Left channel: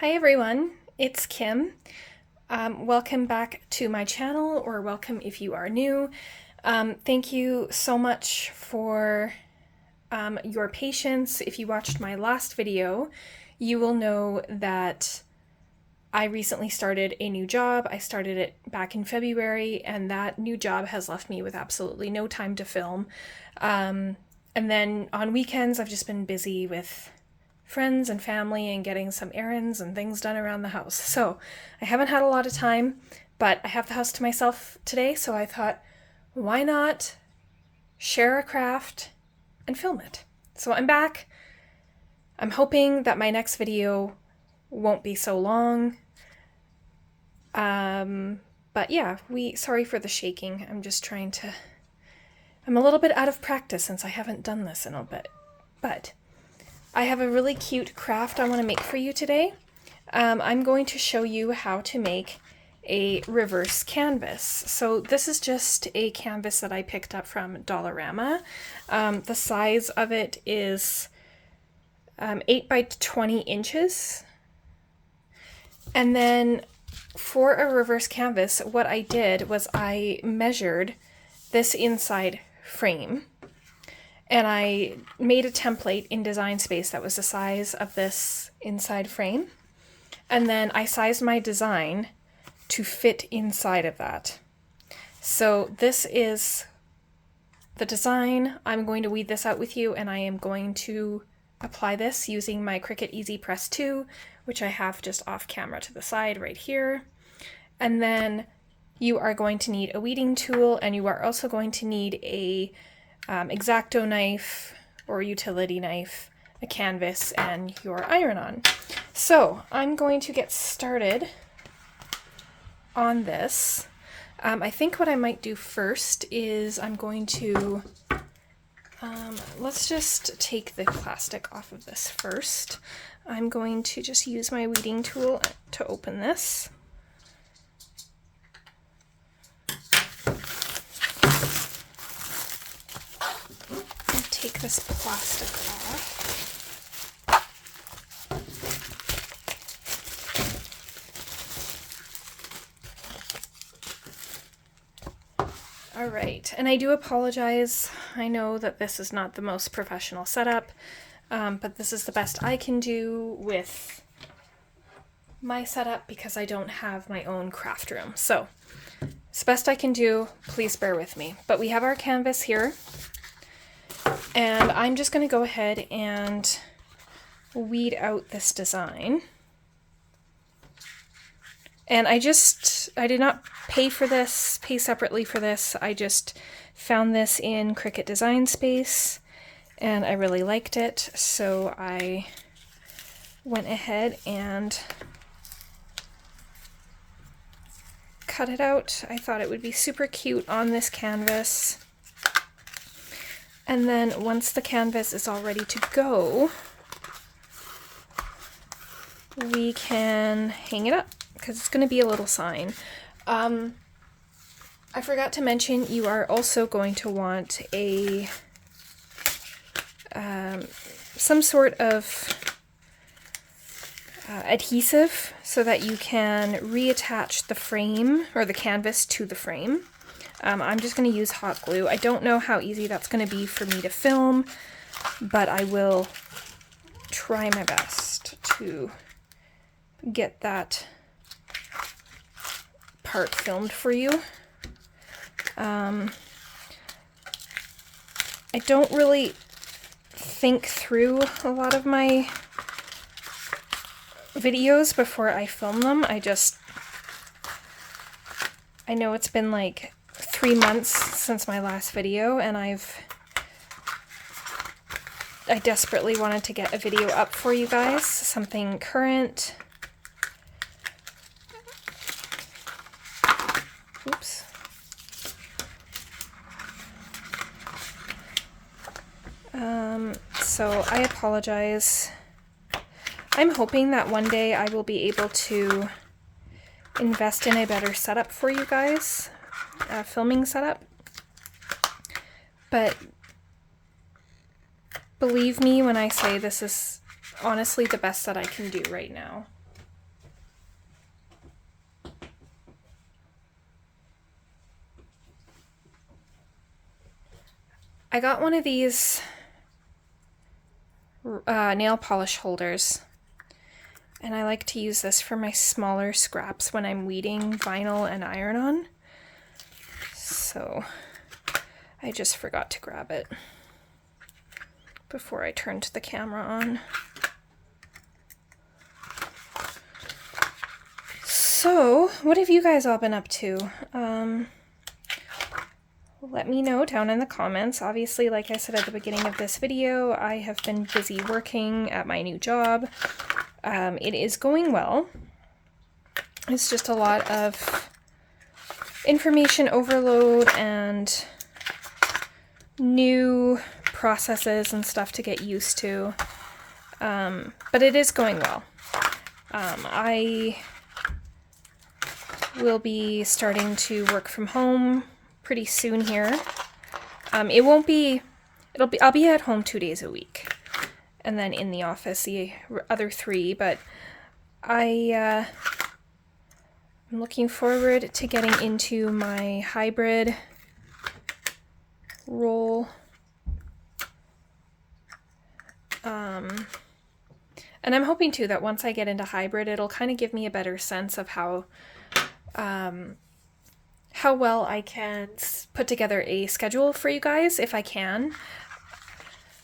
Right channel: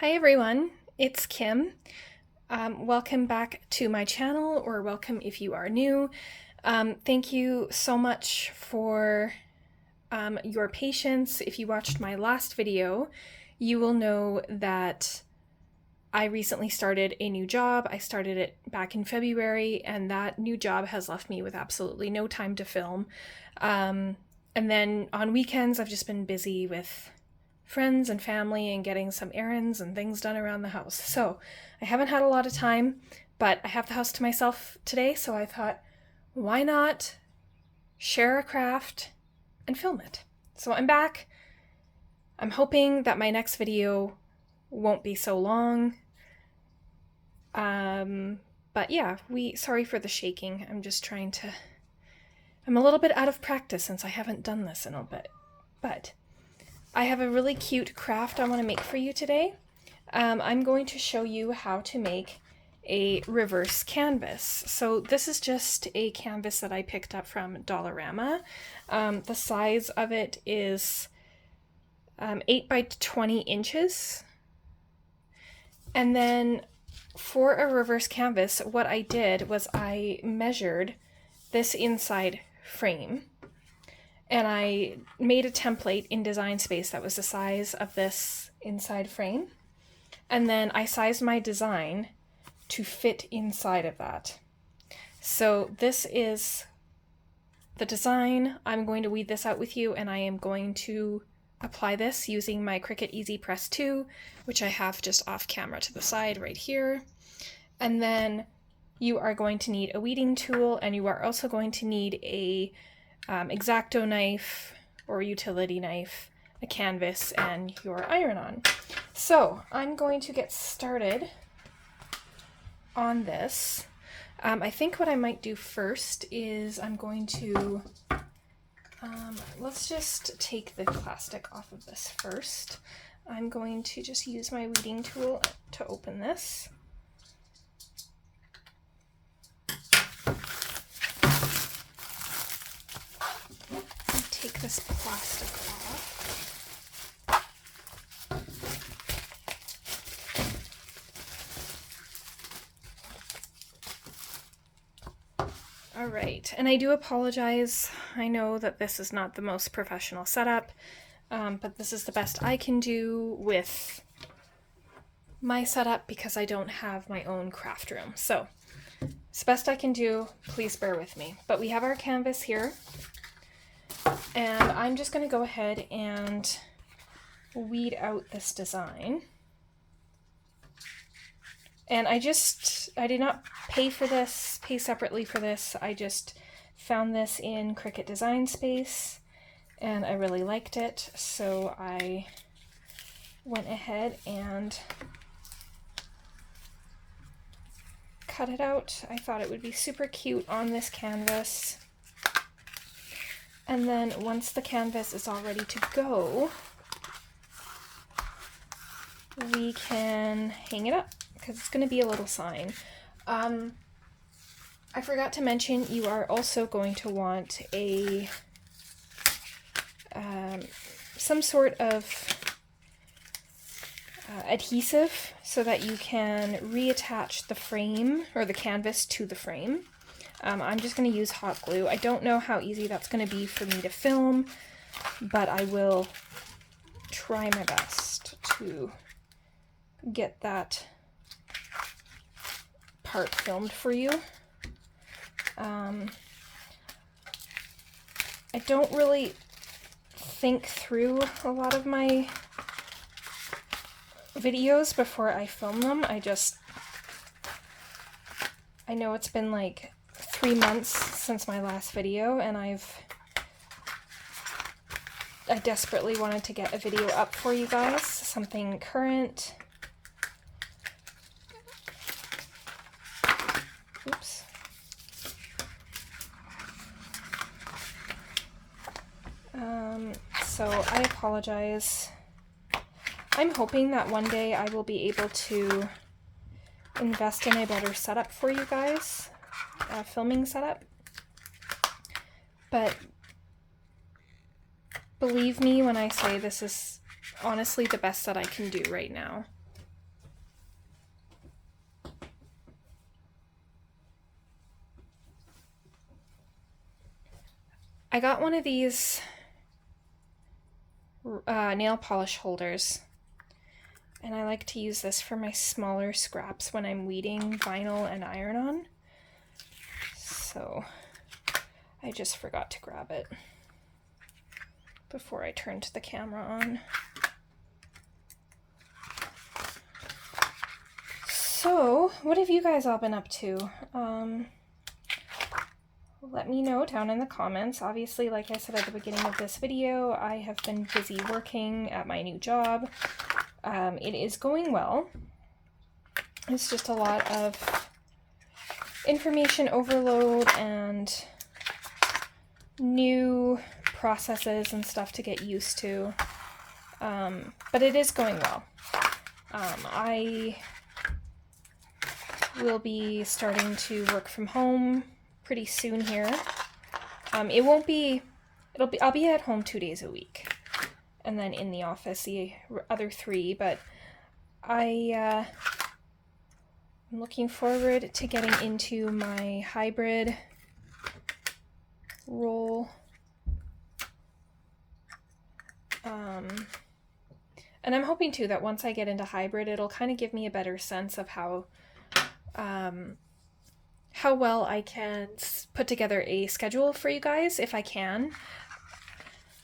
Hi everyone, it's Kim. Welcome back to my channel, or welcome if you are new. Thank you so much for your patience. If you watched my last video, you will know that I recently started a new job. I started it back in February, and that new job has left me with absolutely no time to film. And then on weekends, I've just been busy with friends and family and getting some errands and things done around the house. So I haven't had a lot of time, but I have the house to myself today, so I thought, why not share a craft and film it? So I'm back. I'm hoping that my next video won't be so long. But yeah, sorry for the shaking. I'm a little bit out of practice since I haven't done this in a bit. But I have a really cute craft I want to make for you today. I'm going to show you how to make a reverse canvas. So this is just a canvas that I picked up from Dollarama. The size of it is 8 by 20 inches. And then for a reverse canvas, what I did was I measured this inside frame, and I made a template in Design Space that was the size of this inside frame. And then I sized my design to fit inside of that. So this is the design. I'm going to weed this out with you, and I am going to apply this using my Cricut Easy Press 2, which I have just off camera to the side right here. And then you are going to need a weeding tool, and you are also going to need a X-Acto knife or utility knife, a canvas, and your iron-on. So I'm going to get started on this. I think what I might do first is I'm going to let's just take the plastic off of this first. I'm going to just use my weeding tool to open this. Take this plastic off. All right, and I do apologize. I know that this is not the most professional setup, but this is the best I can do with my setup because I don't have my own craft room. So it's the best I can do. Please bear with me. But we have our canvas here. And I'm just going to go ahead and weed out this design. And I did not pay separately for this. I just found this in Cricut Design Space, and I really liked it. So I went ahead and cut it out. I thought it would be super cute on this canvas. And then once the canvas is all ready to go, we can hang it up because it's going to be a little sign. I forgot to mention you are also going to want a some sort of adhesive so that you can reattach the frame or the canvas to the frame. I'm just going to use hot glue. I don't know how easy that's going to be for me to film, but I will try my best to get that part filmed for you. I don't really think through a lot of my videos before I film them. I know it's been like 3 months since my last video, and I desperately wanted to get a video up for you guys, something current. Oops. So I apologize. I'm hoping that one day I will be able to invest in a better setup for you guys, filming setup. But believe me when I say this is honestly the best that I can do right now. I got one of these nail polish holders, and I like to use this for my smaller scraps when I'm weeding vinyl and iron-on. So I just forgot to grab it before I turned the camera on. So, what have you guys all been up to? Let me know down in the comments. Obviously, like I said at the beginning of this video, I have been busy working at my new job. It is going well. It's just a lot of information overload and new processes and stuff to get used to. But it is going well. I will be starting to work from home pretty soon here. I'll be at home 2 days a week, and then in the office the other 3, but I'm looking forward to getting into my hybrid role. And I'm hoping too that once I get into hybrid, it'll kind of give me a better sense of how well I can put together a schedule for you guys, if I can.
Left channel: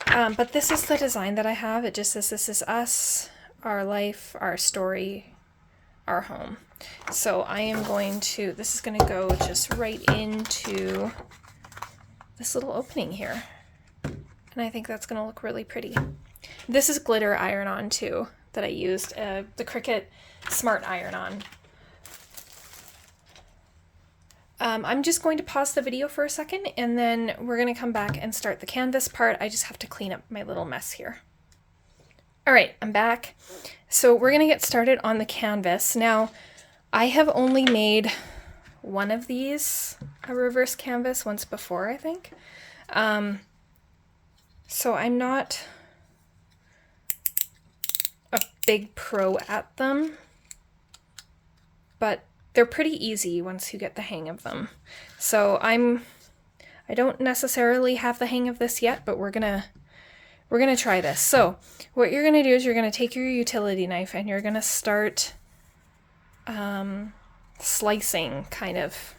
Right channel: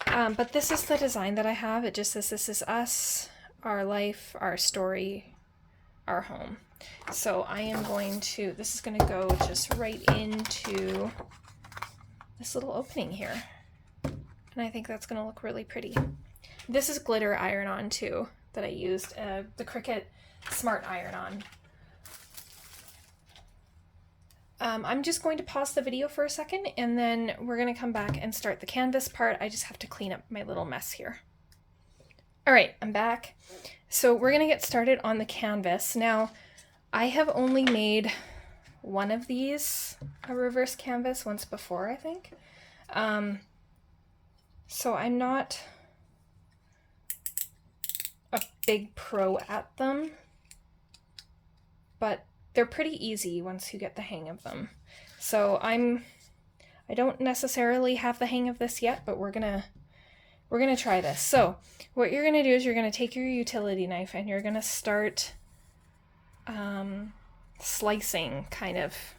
But this is the design that I have. It just says, this is us, our life, our story, our home. So I am going to, this is going to go just right into this little opening here. And I think that's going to look really pretty. This is glitter iron-on too, that I used, the Cricut Smart Iron-On. I'm just going to pause the video for a second, and then we're going to come back and start the canvas part. I just have to clean up my little mess here. All right, I'm back. So we're going to get started on the canvas. Now, I have only made one of these, a reverse canvas, once before, I think. So I'm not a big pro at them, but they're pretty easy once you get the hang of them. So I don't necessarily have the hang of this yet, but we're gonna try this. So what you're gonna do is you're gonna take your utility knife and you're gonna start slicing, kind of.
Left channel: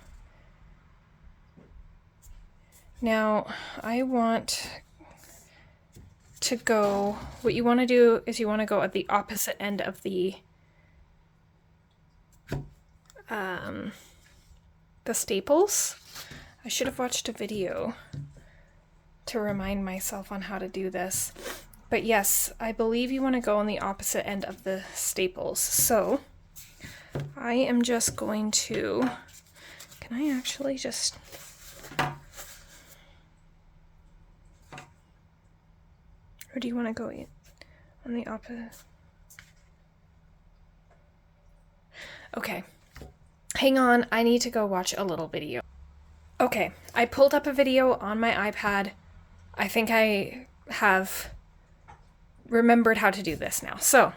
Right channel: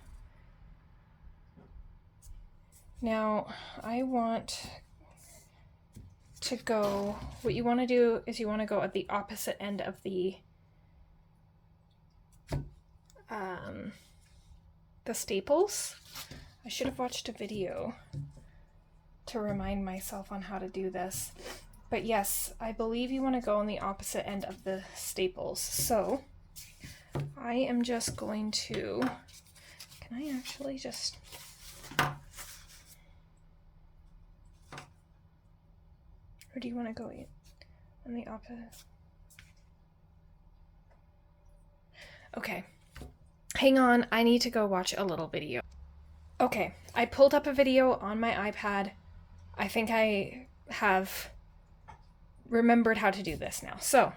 Now I want to go, what you want to do is you want to go at the opposite end of the staples. I should have watched a video to remind myself on how to do this. But yes, I believe you want to go on the opposite end of the staples. So I am just going to, can I actually just, or do you want to go on the opposite? Okay. Hang on, I need to go watch a little video. Okay, I pulled up a video on my iPad. I think I have remembered how to do this now. So,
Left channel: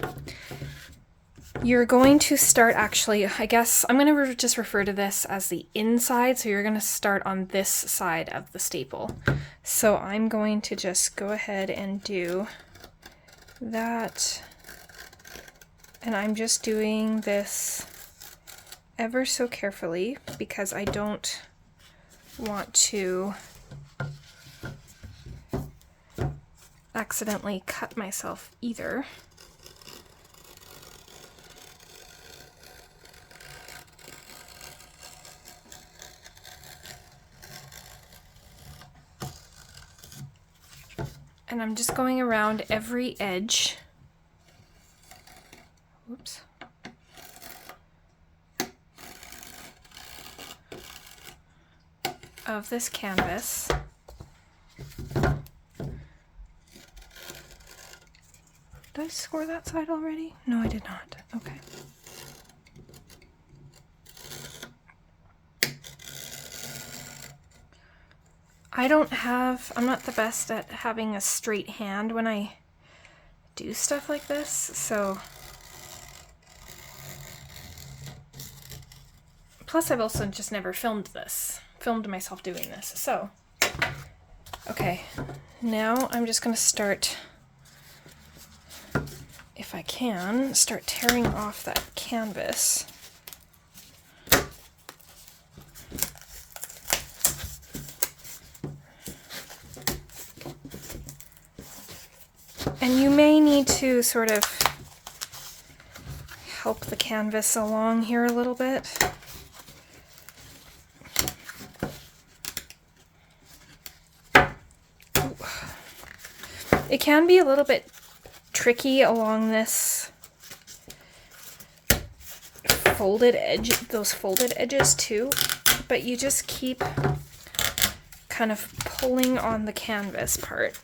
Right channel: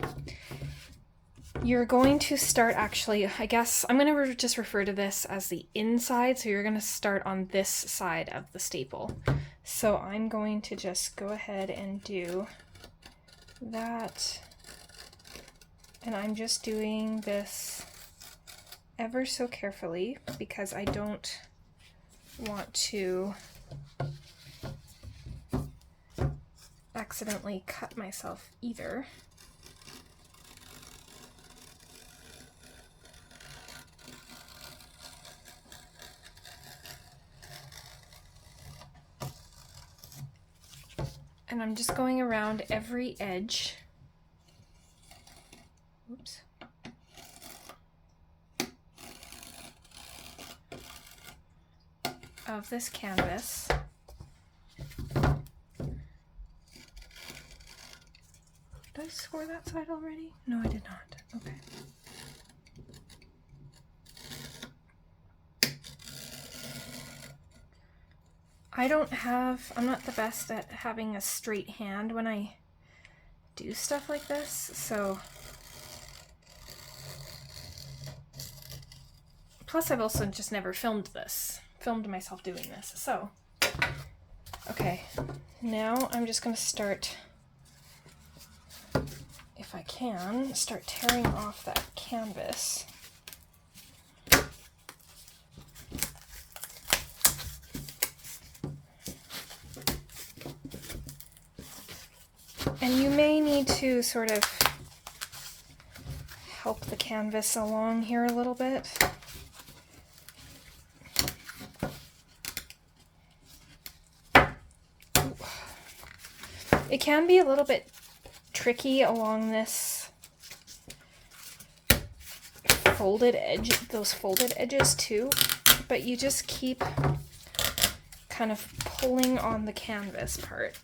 you're going to start actually, I guess, I'm going to just refer to this as the inside, so you're going to start on this side of the staple. So I'm going to just go ahead and do that. And I'm just doing this ever so carefully because I don't want to accidentally cut myself either. And I'm just going around every edge. Whoops. Of this canvas. Did I score that side already? No, I did not. Okay. I'm not the best at having a straight hand when I do stuff like this, so. Plus I've also just never filmed myself doing this, so Okay, now I'm just going to start, if I can, start tearing off that canvas. And you may need to sort of help the canvas along here a little bit. It can be a little bit tricky along this folded edge, those folded edges too, but you just keep kind of pulling on the canvas part.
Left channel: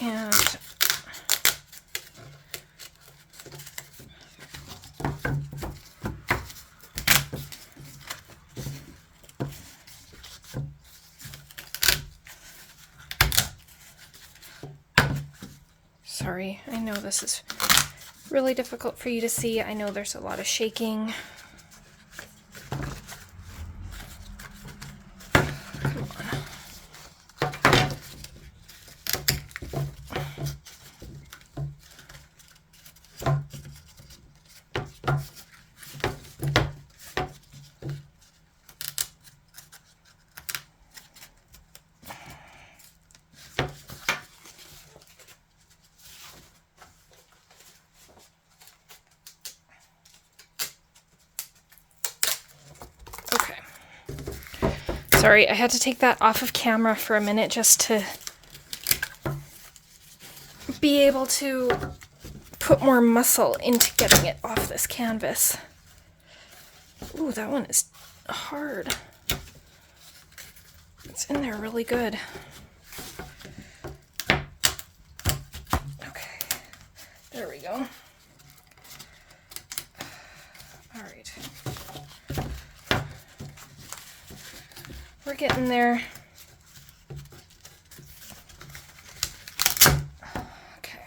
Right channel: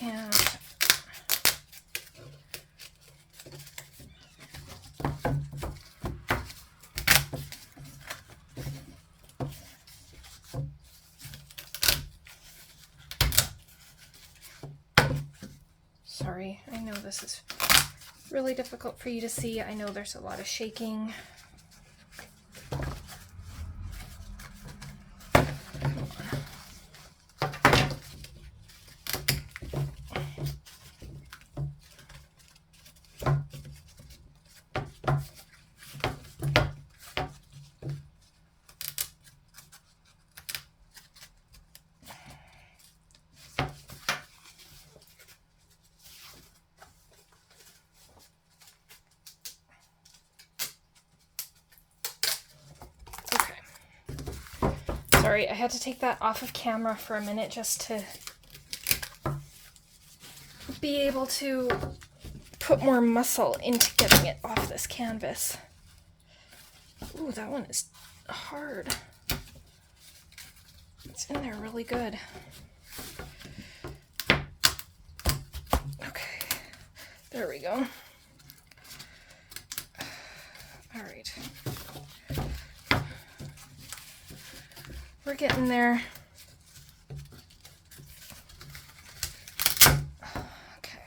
And sorry, I know this is really difficult for you to see. I know there's a lot of shaking. Sorry, I had to take that off of camera for a minute just to be able to put more muscle into getting it off this canvas. Ooh, that one is hard. It's in there really good. Okay, there we go. All right. We're getting there. Okay.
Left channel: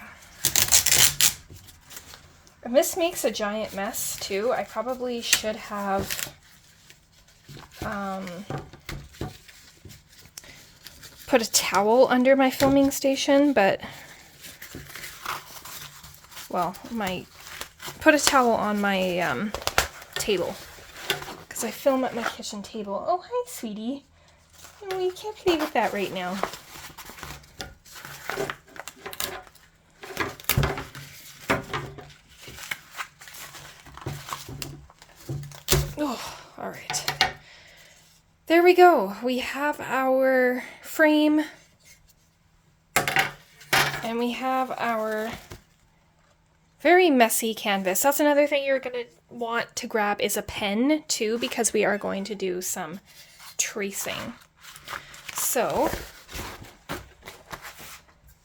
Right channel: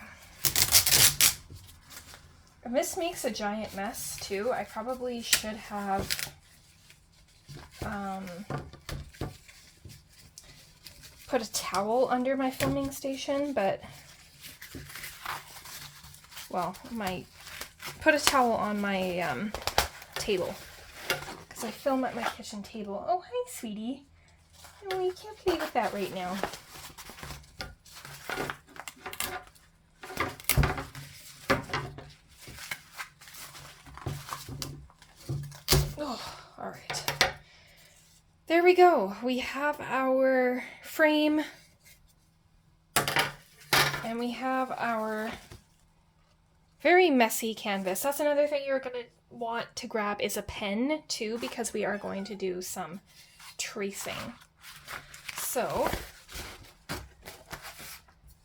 And this makes a giant mess too. I probably should have put a towel under my filming station, but well, put a towel on my table because I film at my kitchen table. Oh, hi, sweetie. Oh, you can't play with that right now. Oh, all right. There we go. We have our frame and we have our very messy canvas. That's another thing you're going to want to grab is a pen too, because we are going to do some tracing. So,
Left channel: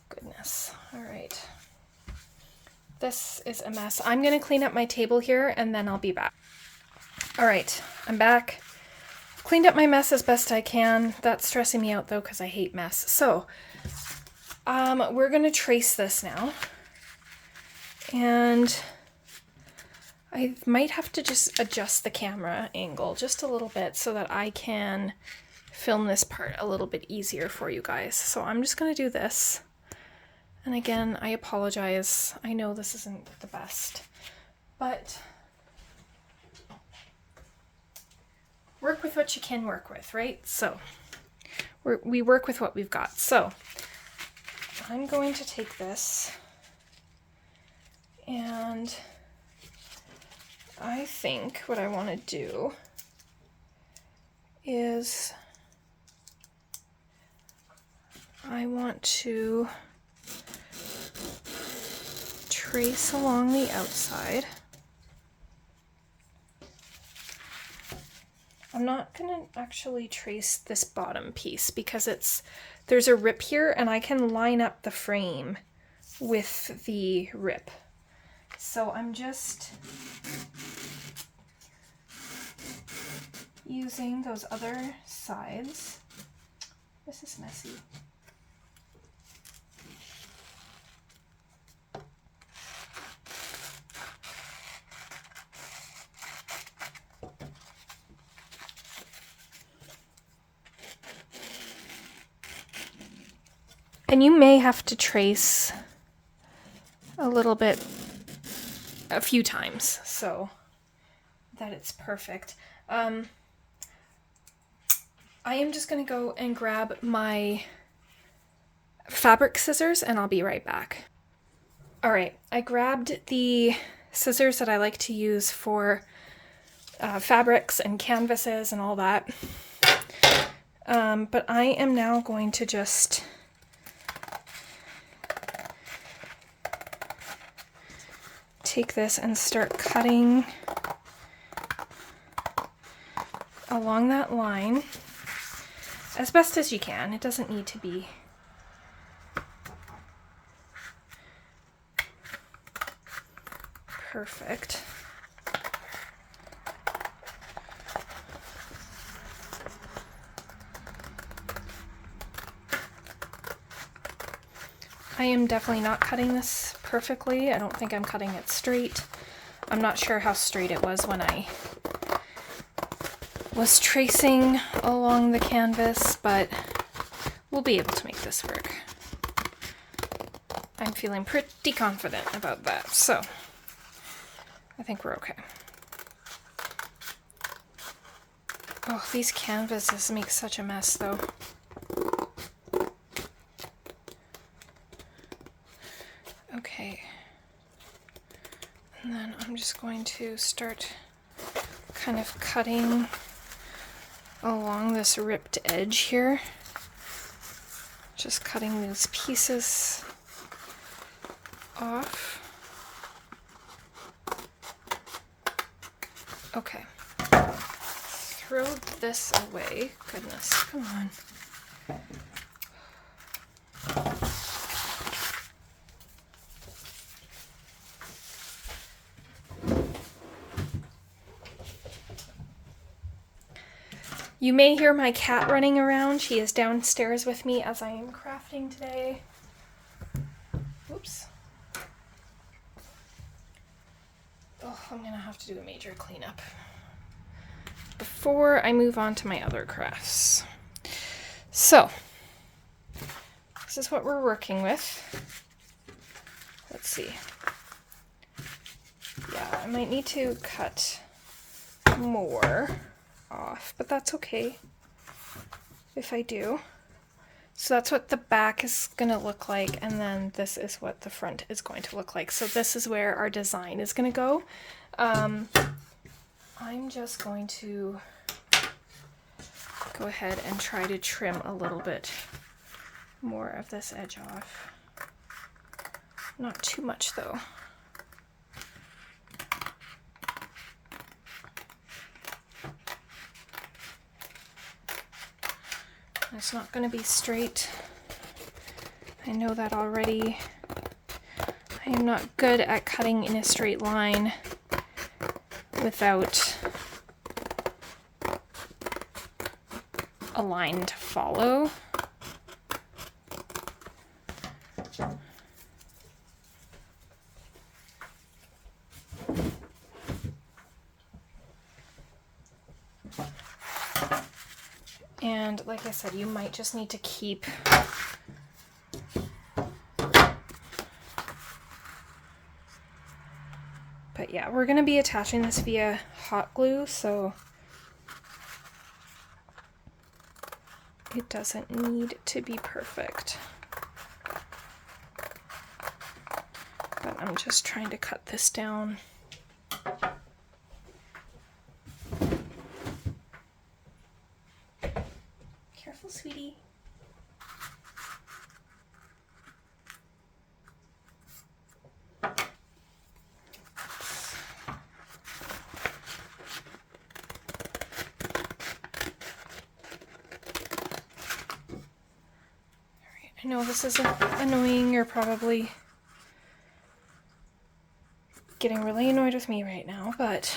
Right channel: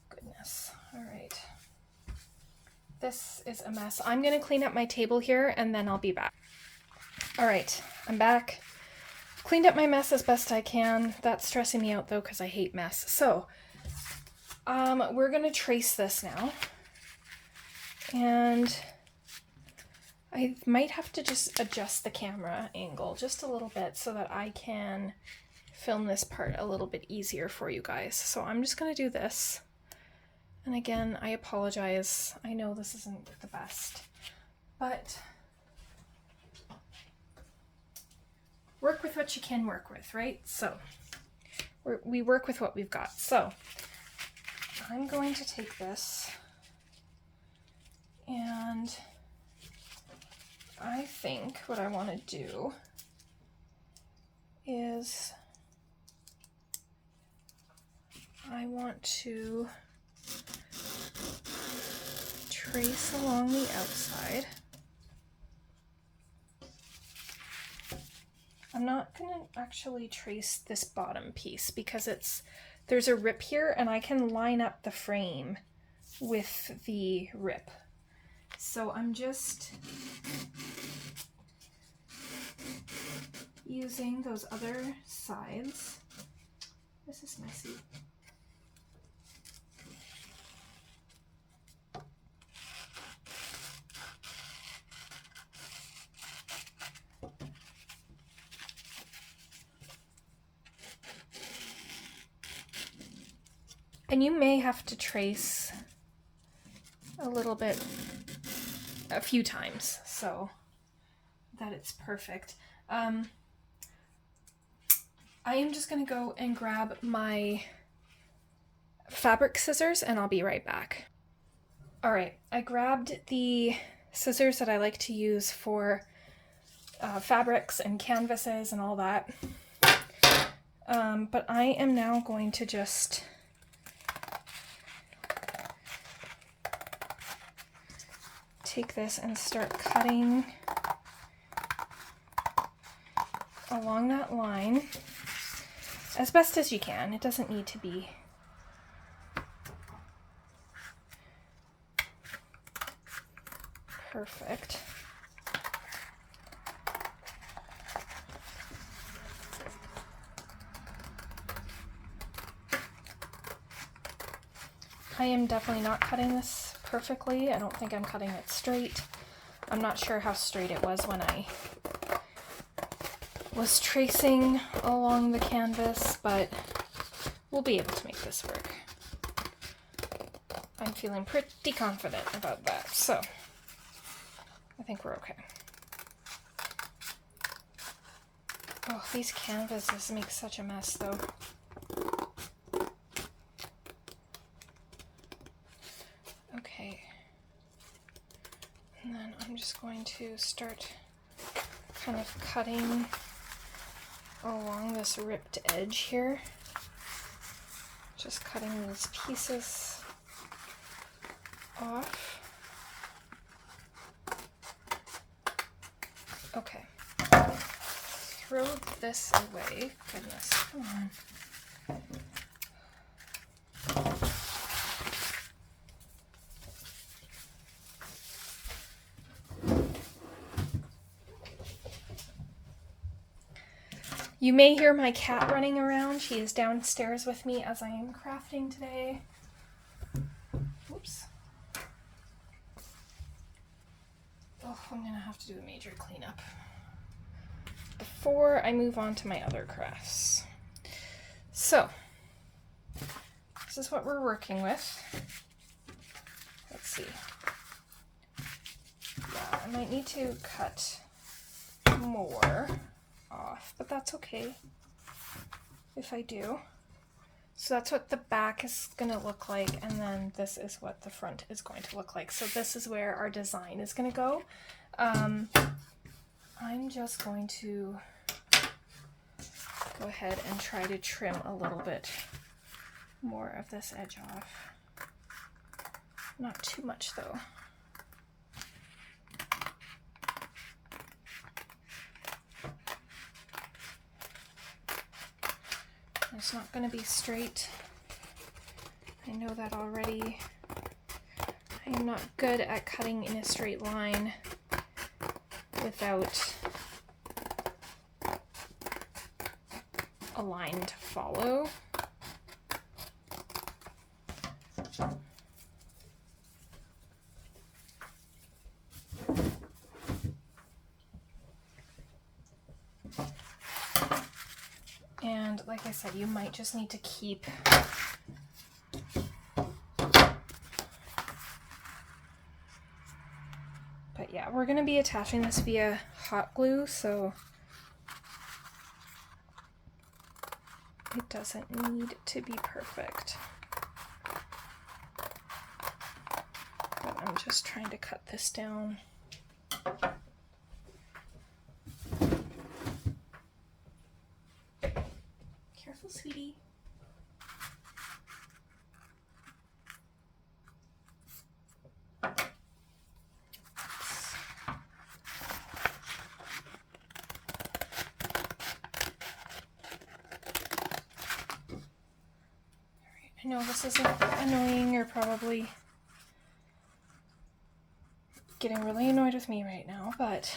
goodness. All right. This is a mess. I'm going to clean up my table here and then I'll be back. All right, I'm back. Cleaned up my mess as best I can. That's stressing me out though because I hate mess. So, we're going to trace this now. And I might have to just adjust the camera angle just a little bit so that I can film this part a little bit easier for you guys. So I'm just going to do this. And again, I apologize. I know this isn't the best, but work with what you can work with, right? So we work with what we've got. So I'm going to take this and I think what I want to do is I want to trace along the outside. I'm not going to actually trace this bottom piece because there's a rip here and I can line up the frame with the rip. So I'm just using those other sides. This is messy. And you may have to trace a little bit a few times so that it's perfect. I am just going to go and grab my fabric scissors and I'll be right back. All right, I grabbed the scissors that I like to use for fabrics and canvases and all that. But I am now going to just take this and start cutting along that line as best as you can. It doesn't need to be perfect. I am definitely not cutting this perfectly. I don't think I'm cutting it straight. I'm not sure how straight it was when I was tracing along the canvas, but we'll be able to make this work. I'm feeling pretty confident about that, so I think we're okay. Oh, these canvases make such a mess though. Okay, and then I'm just going to start kind of cutting along this ripped edge here. Just cutting these pieces off. Okay. Throw this away. Goodness, come on. You may hear my cat running around. She is downstairs with me as I am crafting today. Oops. Oh, I'm gonna have to do a major cleanup before I move on to my other crafts. So, this is what we're working with. Let's see. Yeah, I might need to cut more off, but that's okay if I do. So that's what the back is gonna look like, and then this is what the front is going to look like. So this is where our design is gonna go. I'm just going to go ahead and try to trim a little bit more of this edge off. Not too much though. It's not going to be straight. I know that already. I am not good at cutting in a straight line without a line to follow. And like I said, you might just need to keep but yeah, we're going to be attaching this via hot glue, so it doesn't need to be perfect. But I'm just trying to cut this down. Careful, sweetie. I know this is annoying. You're probably getting really annoyed with me right now, but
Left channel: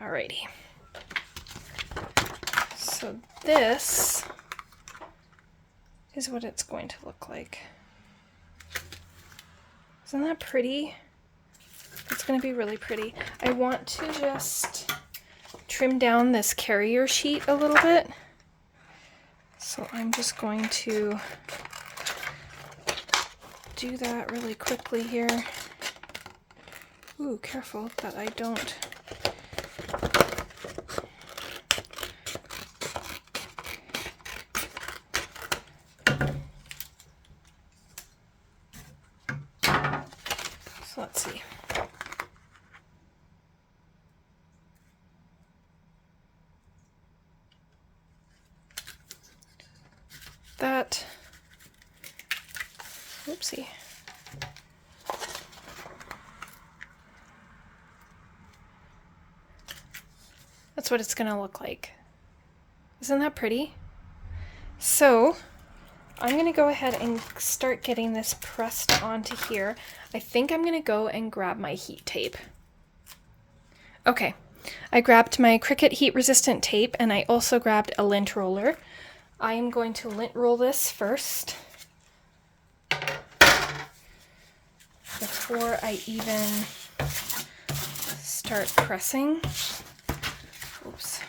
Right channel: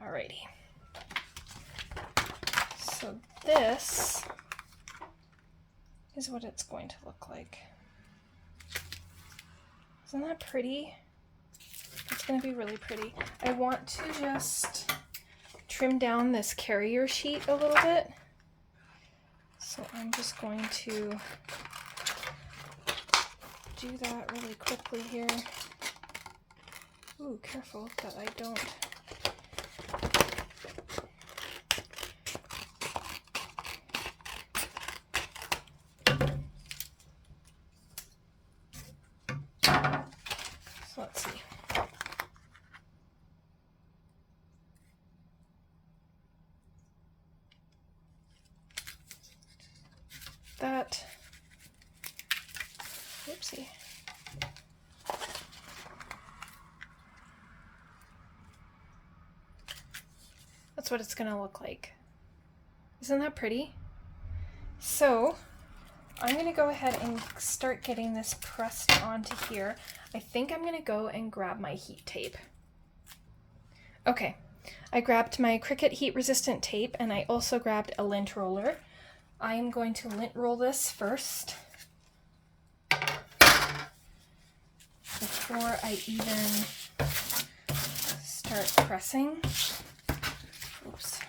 alrighty. So this is what it's going to look like. Isn't that pretty? It's going to be really pretty. I want to just trim down this carrier sheet a little bit. So I'm just going to do that really quickly here. Ooh, careful that I don't. So let's see. That, oopsie. That's what it's gonna look like. Isn't that pretty? So I'm gonna go ahead and start getting this pressed onto here. I think I'm gonna go and grab my heat tape. Okay, I grabbed my Cricut heat resistant tape and I also grabbed a lint roller. I am going to lint roll this first before I even start pressing. Oops.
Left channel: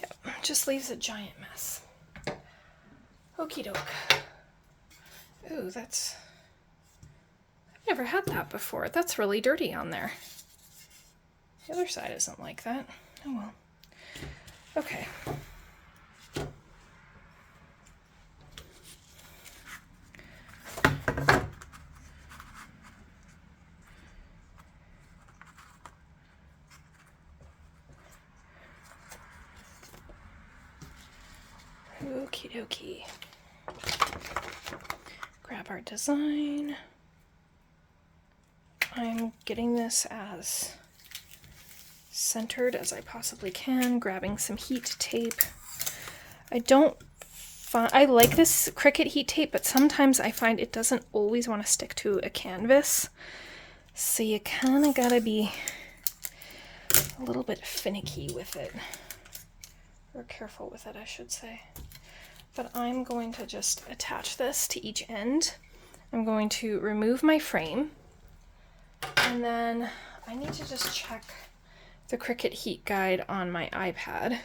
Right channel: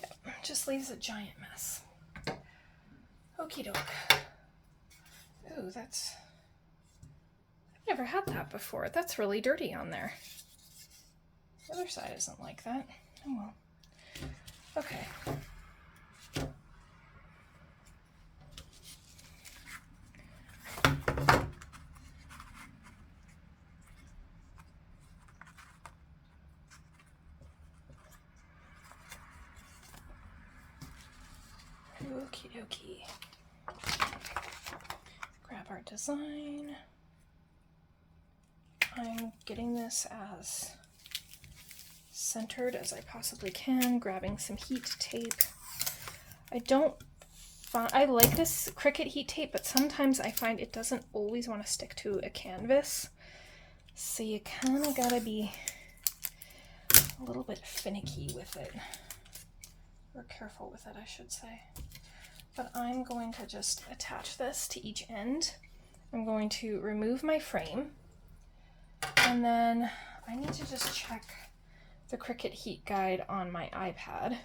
Yep, just leaves a giant mess. Okie doke. Ooh, that's... I've never had that before. That's really dirty on there. The other side isn't like that. Oh well. Okay. Okie dokie. Grab our design. I'm getting this as centered as I possibly can, grabbing some heat tape. I like this Cricut heat tape, but sometimes I find it doesn't always want to stick to a canvas. So you kind of gotta be a little bit finicky with it. Or careful with it, I should say. But I'm going to just attach this to each end. I'm going to remove my frame. And then I need to just check the Cricut heat guide on my iPad.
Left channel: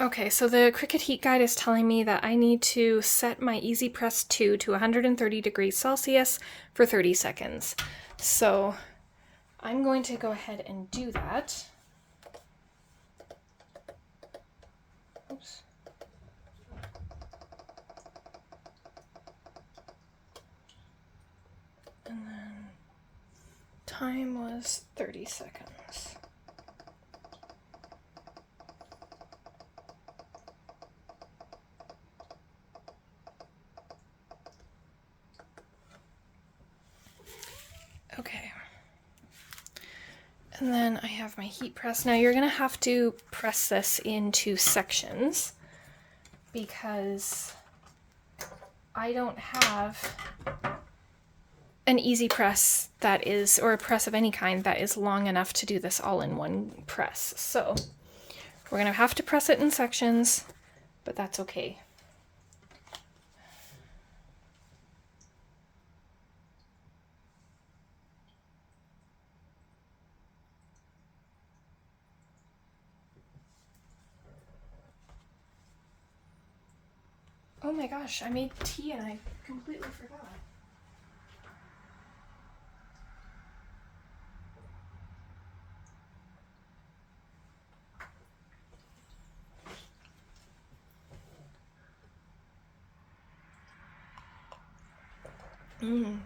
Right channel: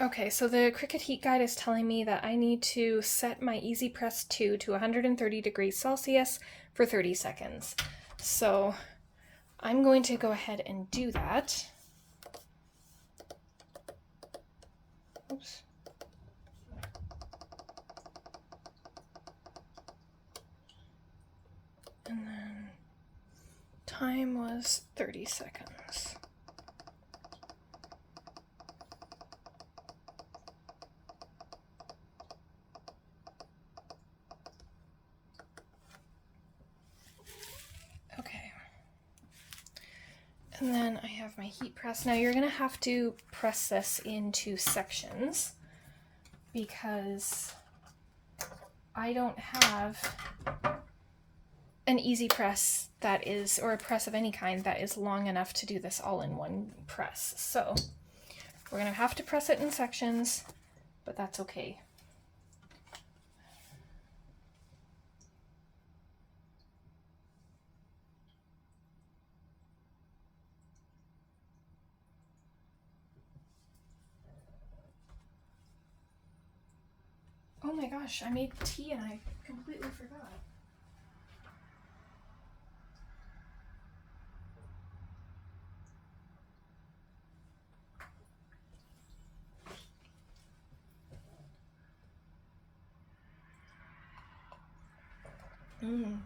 Okay, so the Cricut heat guide is telling me that I need to set my Easy Press 2 to 130 degrees Celsius for 30 seconds. So I'm going to go ahead and do that. Oops. And then time was 30 seconds. Okay. And then I have my heat press. Now you're gonna have to press this into sections because I don't have an easy press that is, or a press of any kind that is long enough to do this all in one press. So we're gonna have to press it in sections, but that's okay. Oh my gosh, I made tea and I completely forgot.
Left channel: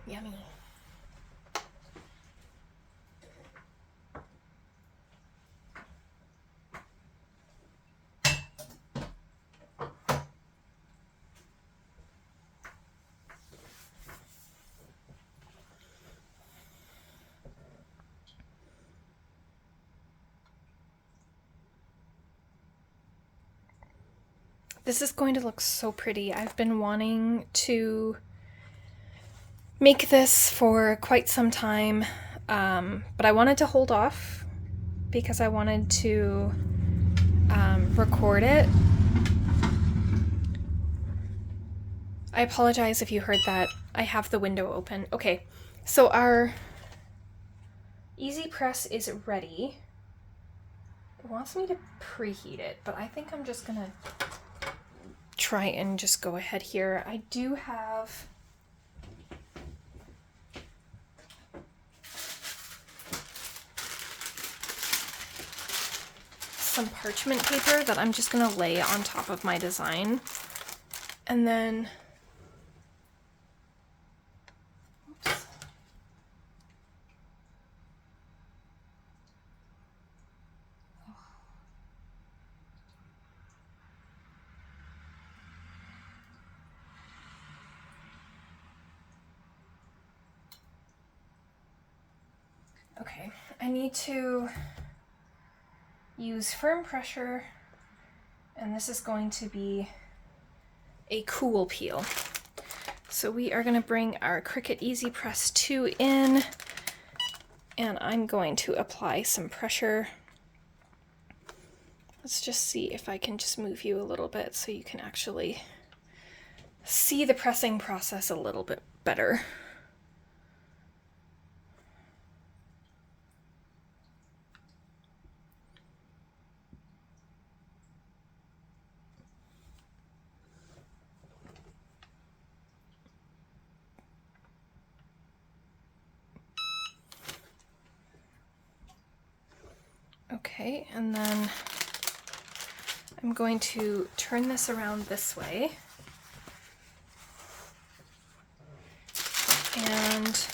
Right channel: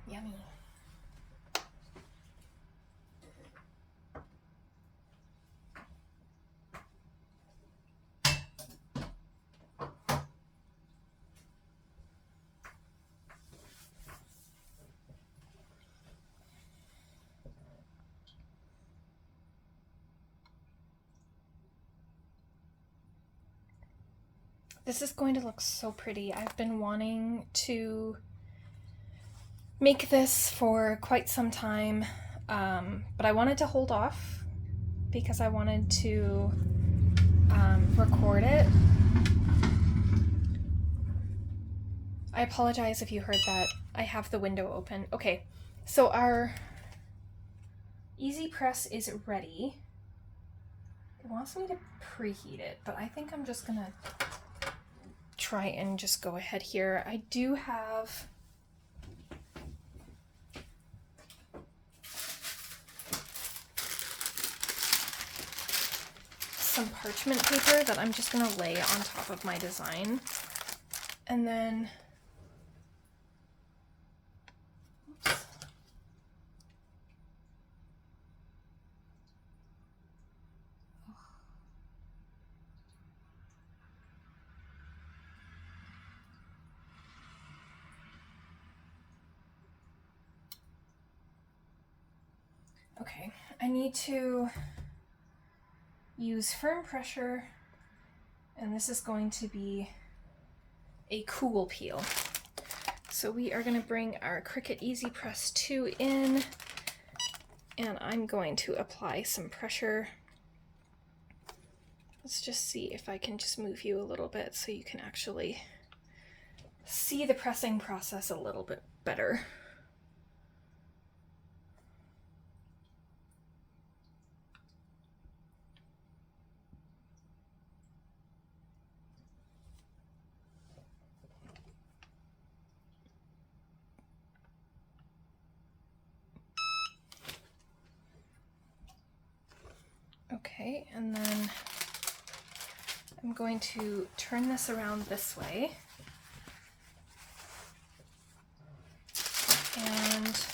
Yummy. This is going to look so pretty. I've been wanting to make this for quite some time, but I wanted to hold off because I wanted to record it. I apologize if you heard that. I have the window open. Okay, so our Easy Press is ready. It wants me to preheat it, but I think I'm just gonna try and just go ahead here. I do have some parchment paper that I'm just gonna lay on top of my design. And then, oops. Okay, I need to use firm pressure, and this is going to be a cool peel. So we are going to bring our Cricut Easy Press 2 in, and I'm going to apply some pressure. Let's just see if I can just move you a little bit so you can actually see the pressing process a little bit better. Okay, and then I'm going to turn this around this way and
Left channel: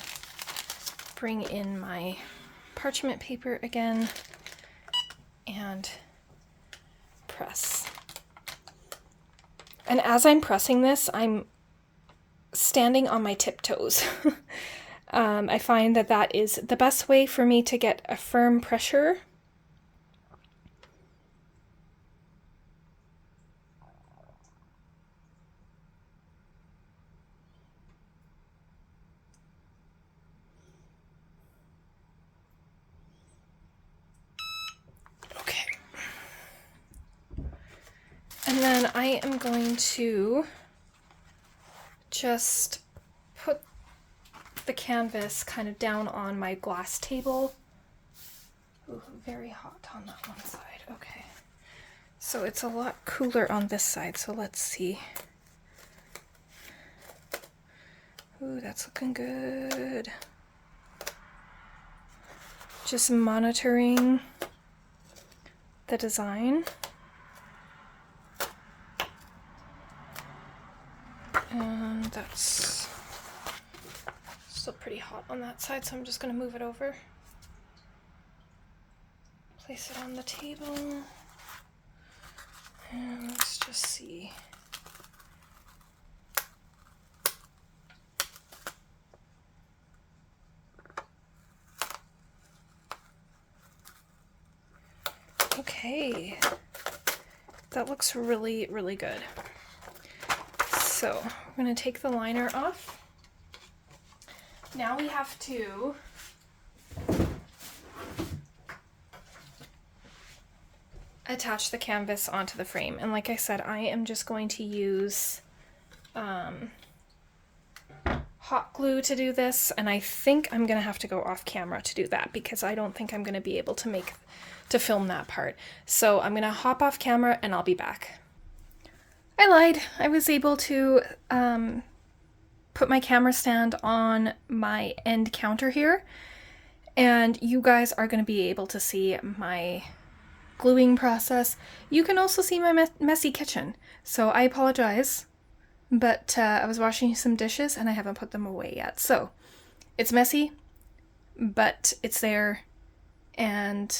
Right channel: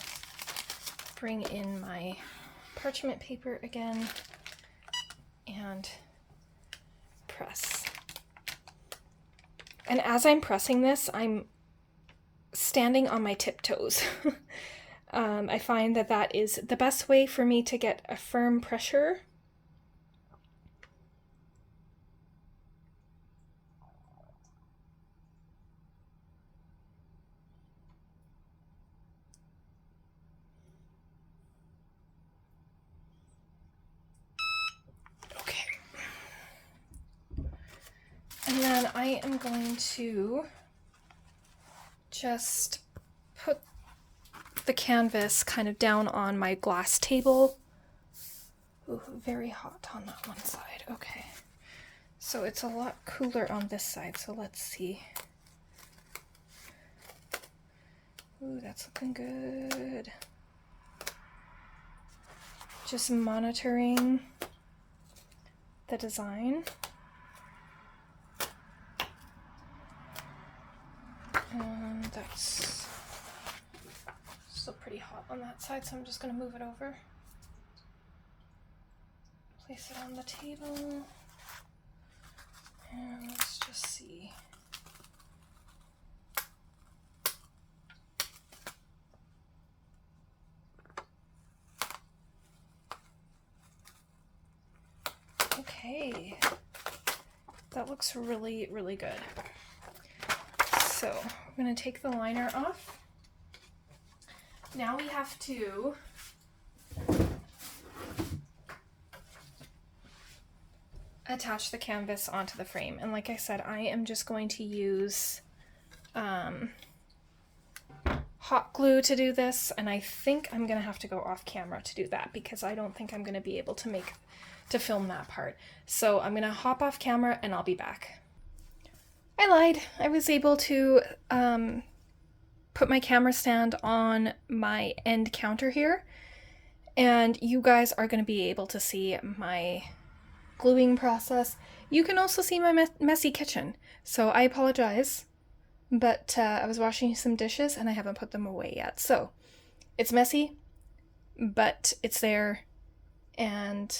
bring in my parchment paper again and press. And as I'm pressing this, I'm standing on my tiptoes. I find that that is the best way for me to get a firm pressure. And then I am going to just put the canvas kind of down on my glass table. Ooh, very hot on that one side. Okay. So it's a lot cooler on this side, so let's see. Ooh, that's looking good. Just monitoring the design. And that's still pretty hot on that side, so I'm just going to move it over. Place it on the table. And let's just see. Okay. That looks really, really good. So we're going to take the liner off. Now we have to attach the canvas onto the frame. And like I said, I am just going to use hot glue to do this. And I think I'm going to have to go off camera to do that because I don't think I'm going to be able to film that part. So I'm going to hop off camera and I'll be back. I lied. I was able to put my camera stand on my end counter here, and you guys are going to be able to see my gluing process. You can also see my messy kitchen, so I apologize, but I was washing some dishes and I haven't put them away yet. So it's messy, but it's there, and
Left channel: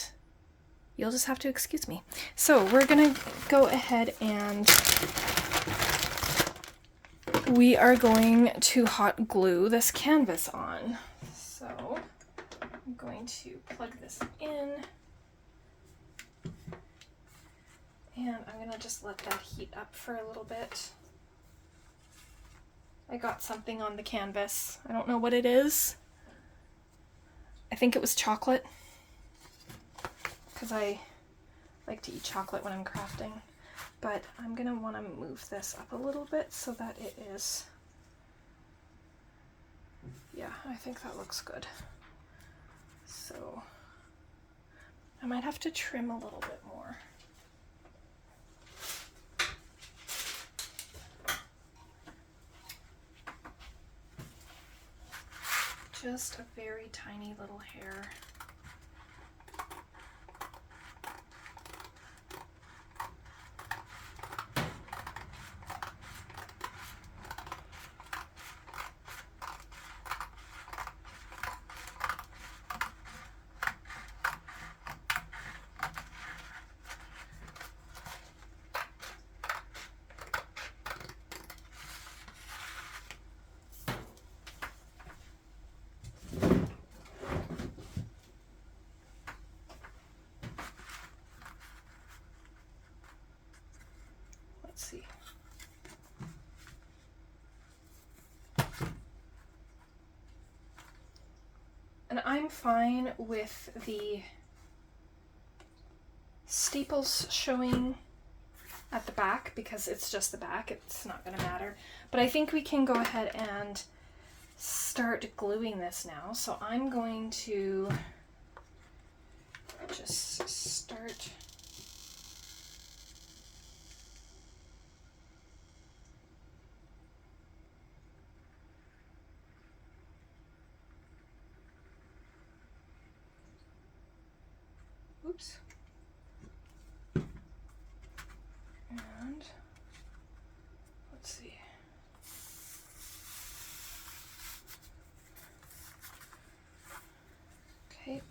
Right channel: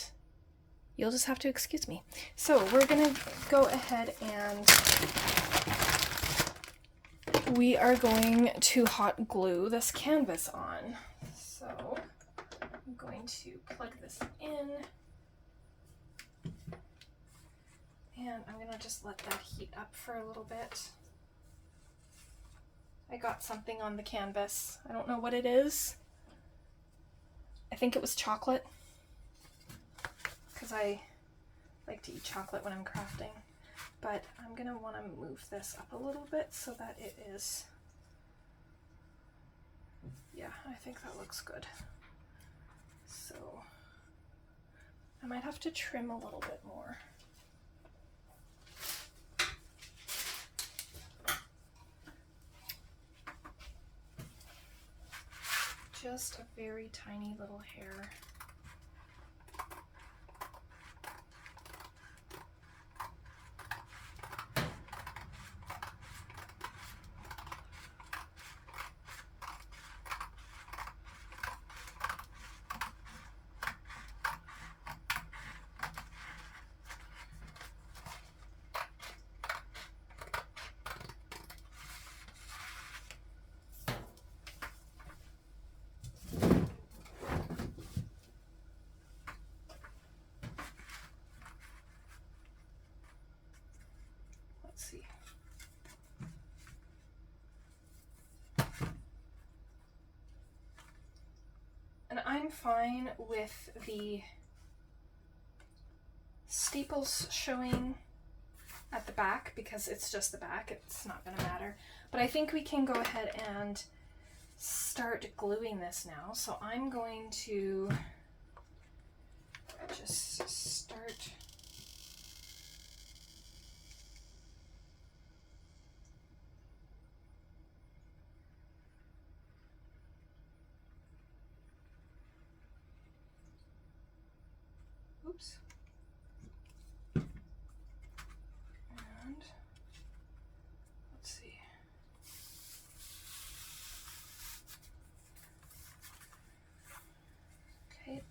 you'll just have to excuse me. So we're gonna go ahead and we are going to hot glue this canvas on. So I'm going to plug this in And I'm gonna just let that heat up for a little bit. I got something on the canvas. I don't know what it is. I think it was chocolate, because I like to eat chocolate when I'm crafting. But I'm gonna want to move this up a little bit so that it is, yeah, I think that looks good. So I might have to trim a little bit more. Just a very tiny little hair. See. And I'm fine with the staples showing at the back because it's just the back, it's not going to matter. But I think we can go ahead and start gluing this now. So I'm going to just start oops. And let's see. Okay.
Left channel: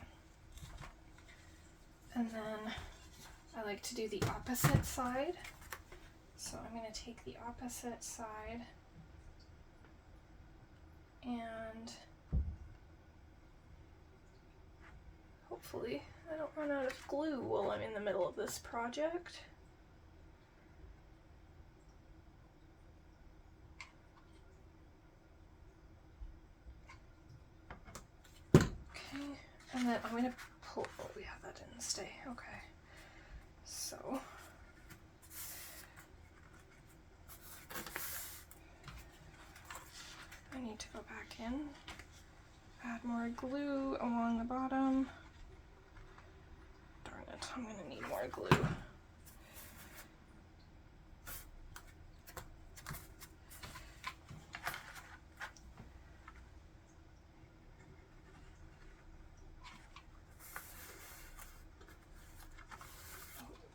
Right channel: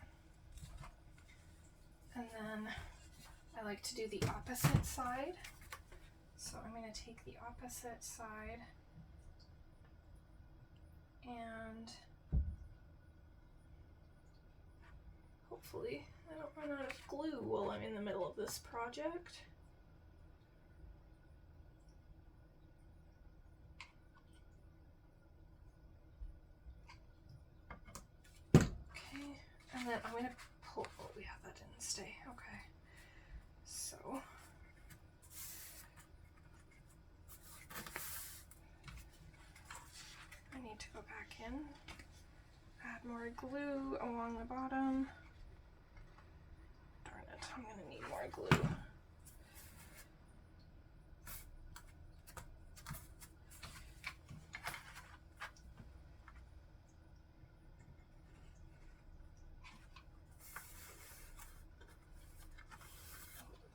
And then I like to do the opposite side. So I'm going to take the opposite side and hopefully I don't run out of glue while I'm in the middle of this project. Okay, and then I'm going to pull, oh yeah, that didn't stay, okay. So, I need to go back in, add more glue along the bottom. Darn it, I'm going to need more glue.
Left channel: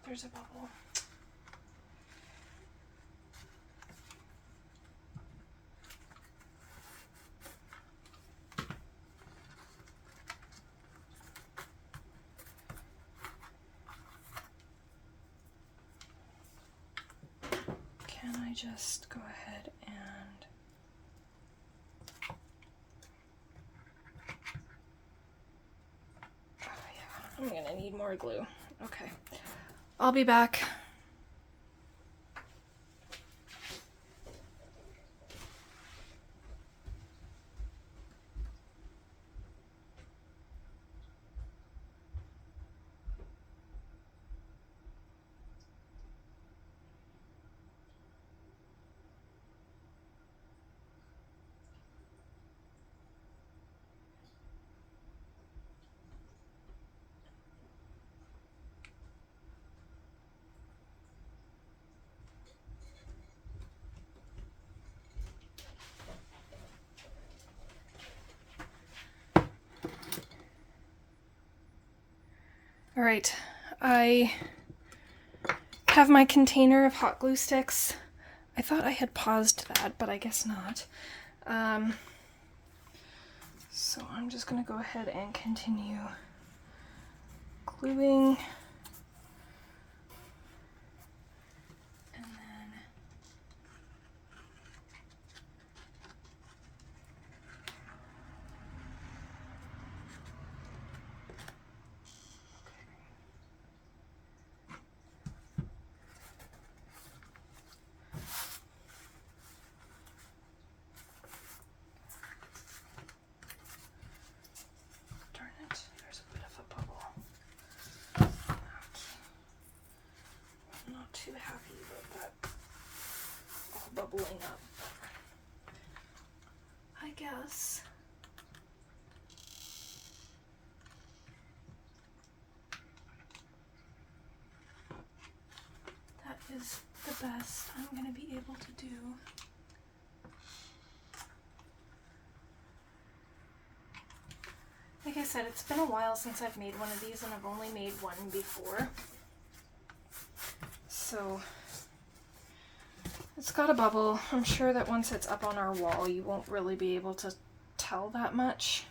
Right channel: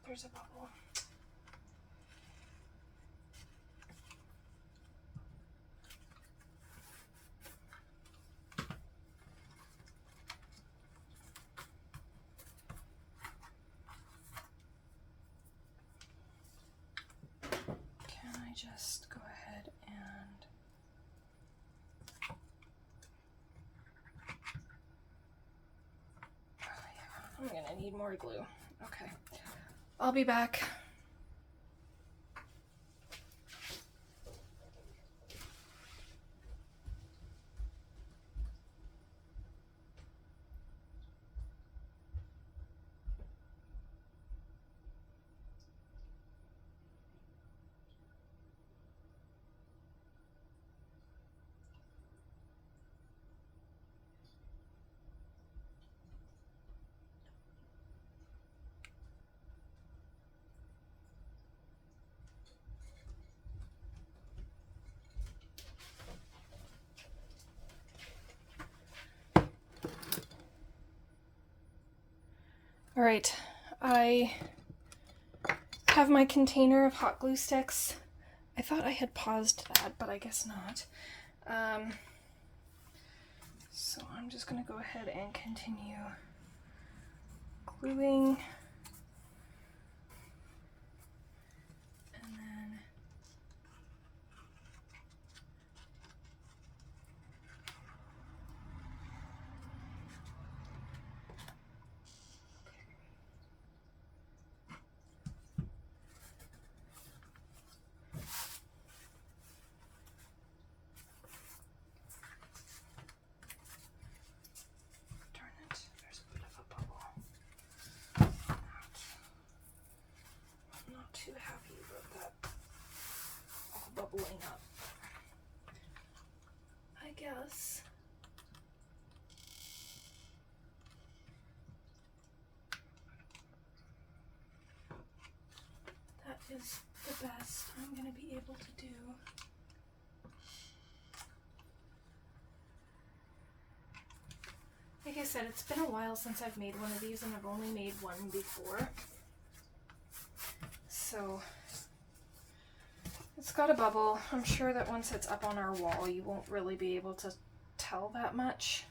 There's a bubble. Can I just go ahead and oh yeah, I'm gonna need more glue. Okay, I'll be back. All right, I have my container of hot glue sticks. I thought I had paused that, but I guess not. So I'm just gonna go ahead and continue gluing. And then bubbling up. I guess. That is the best I'm going to be able to do. Like I said, it's been a while since I've made one of these, and I've only made one before. So it's got a bubble. I'm sure that once it's up on our wall, you won't really be able to tell that much.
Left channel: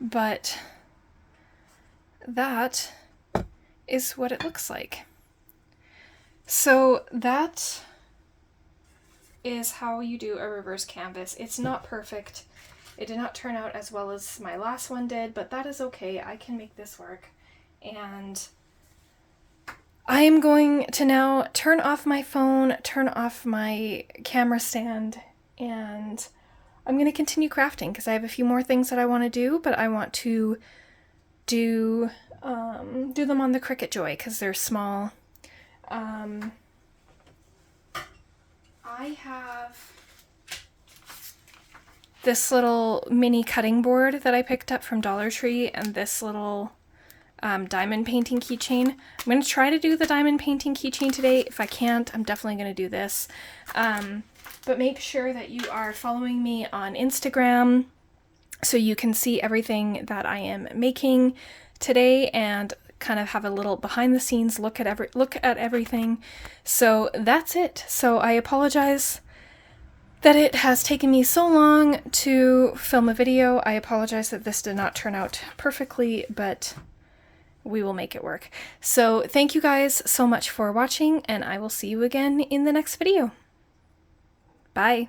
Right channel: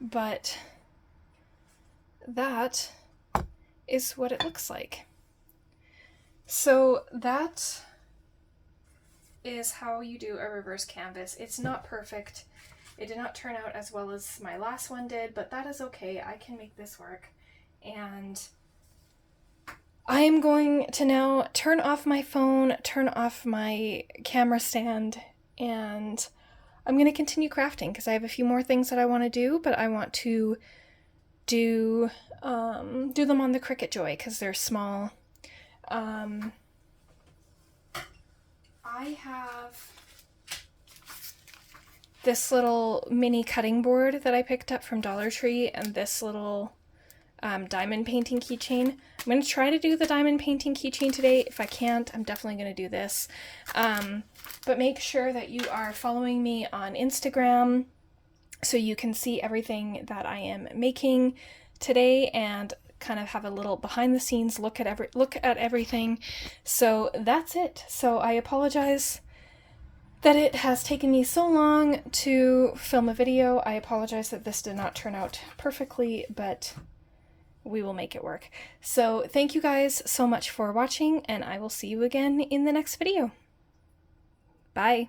But that is what it looks like. So that is how you do a reverse canvas. It's not perfect. It did not turn out as well as my last one did, but that is okay. I can make this work. And I am going to now turn off my phone, turn off my camera stand, and I'm going to continue crafting because I have a few more things that I want to do, but I want to do them on the Cricut Joy because they're small. I have this little mini cutting board that I picked up from Dollar Tree and this little diamond painting keychain. I'm going to try to do the diamond painting keychain today. If I can't, I'm definitely going to do this. But make sure that you are following me on Instagram so you can see everything that I am making today and kind of have a little behind the scenes look at everything. So that's it. So I apologize that it has taken me so long to film a video. I apologize that this did not turn out perfectly, but we will make it work. So thank you guys so much for watching, and I will see you again in the next video. Bye.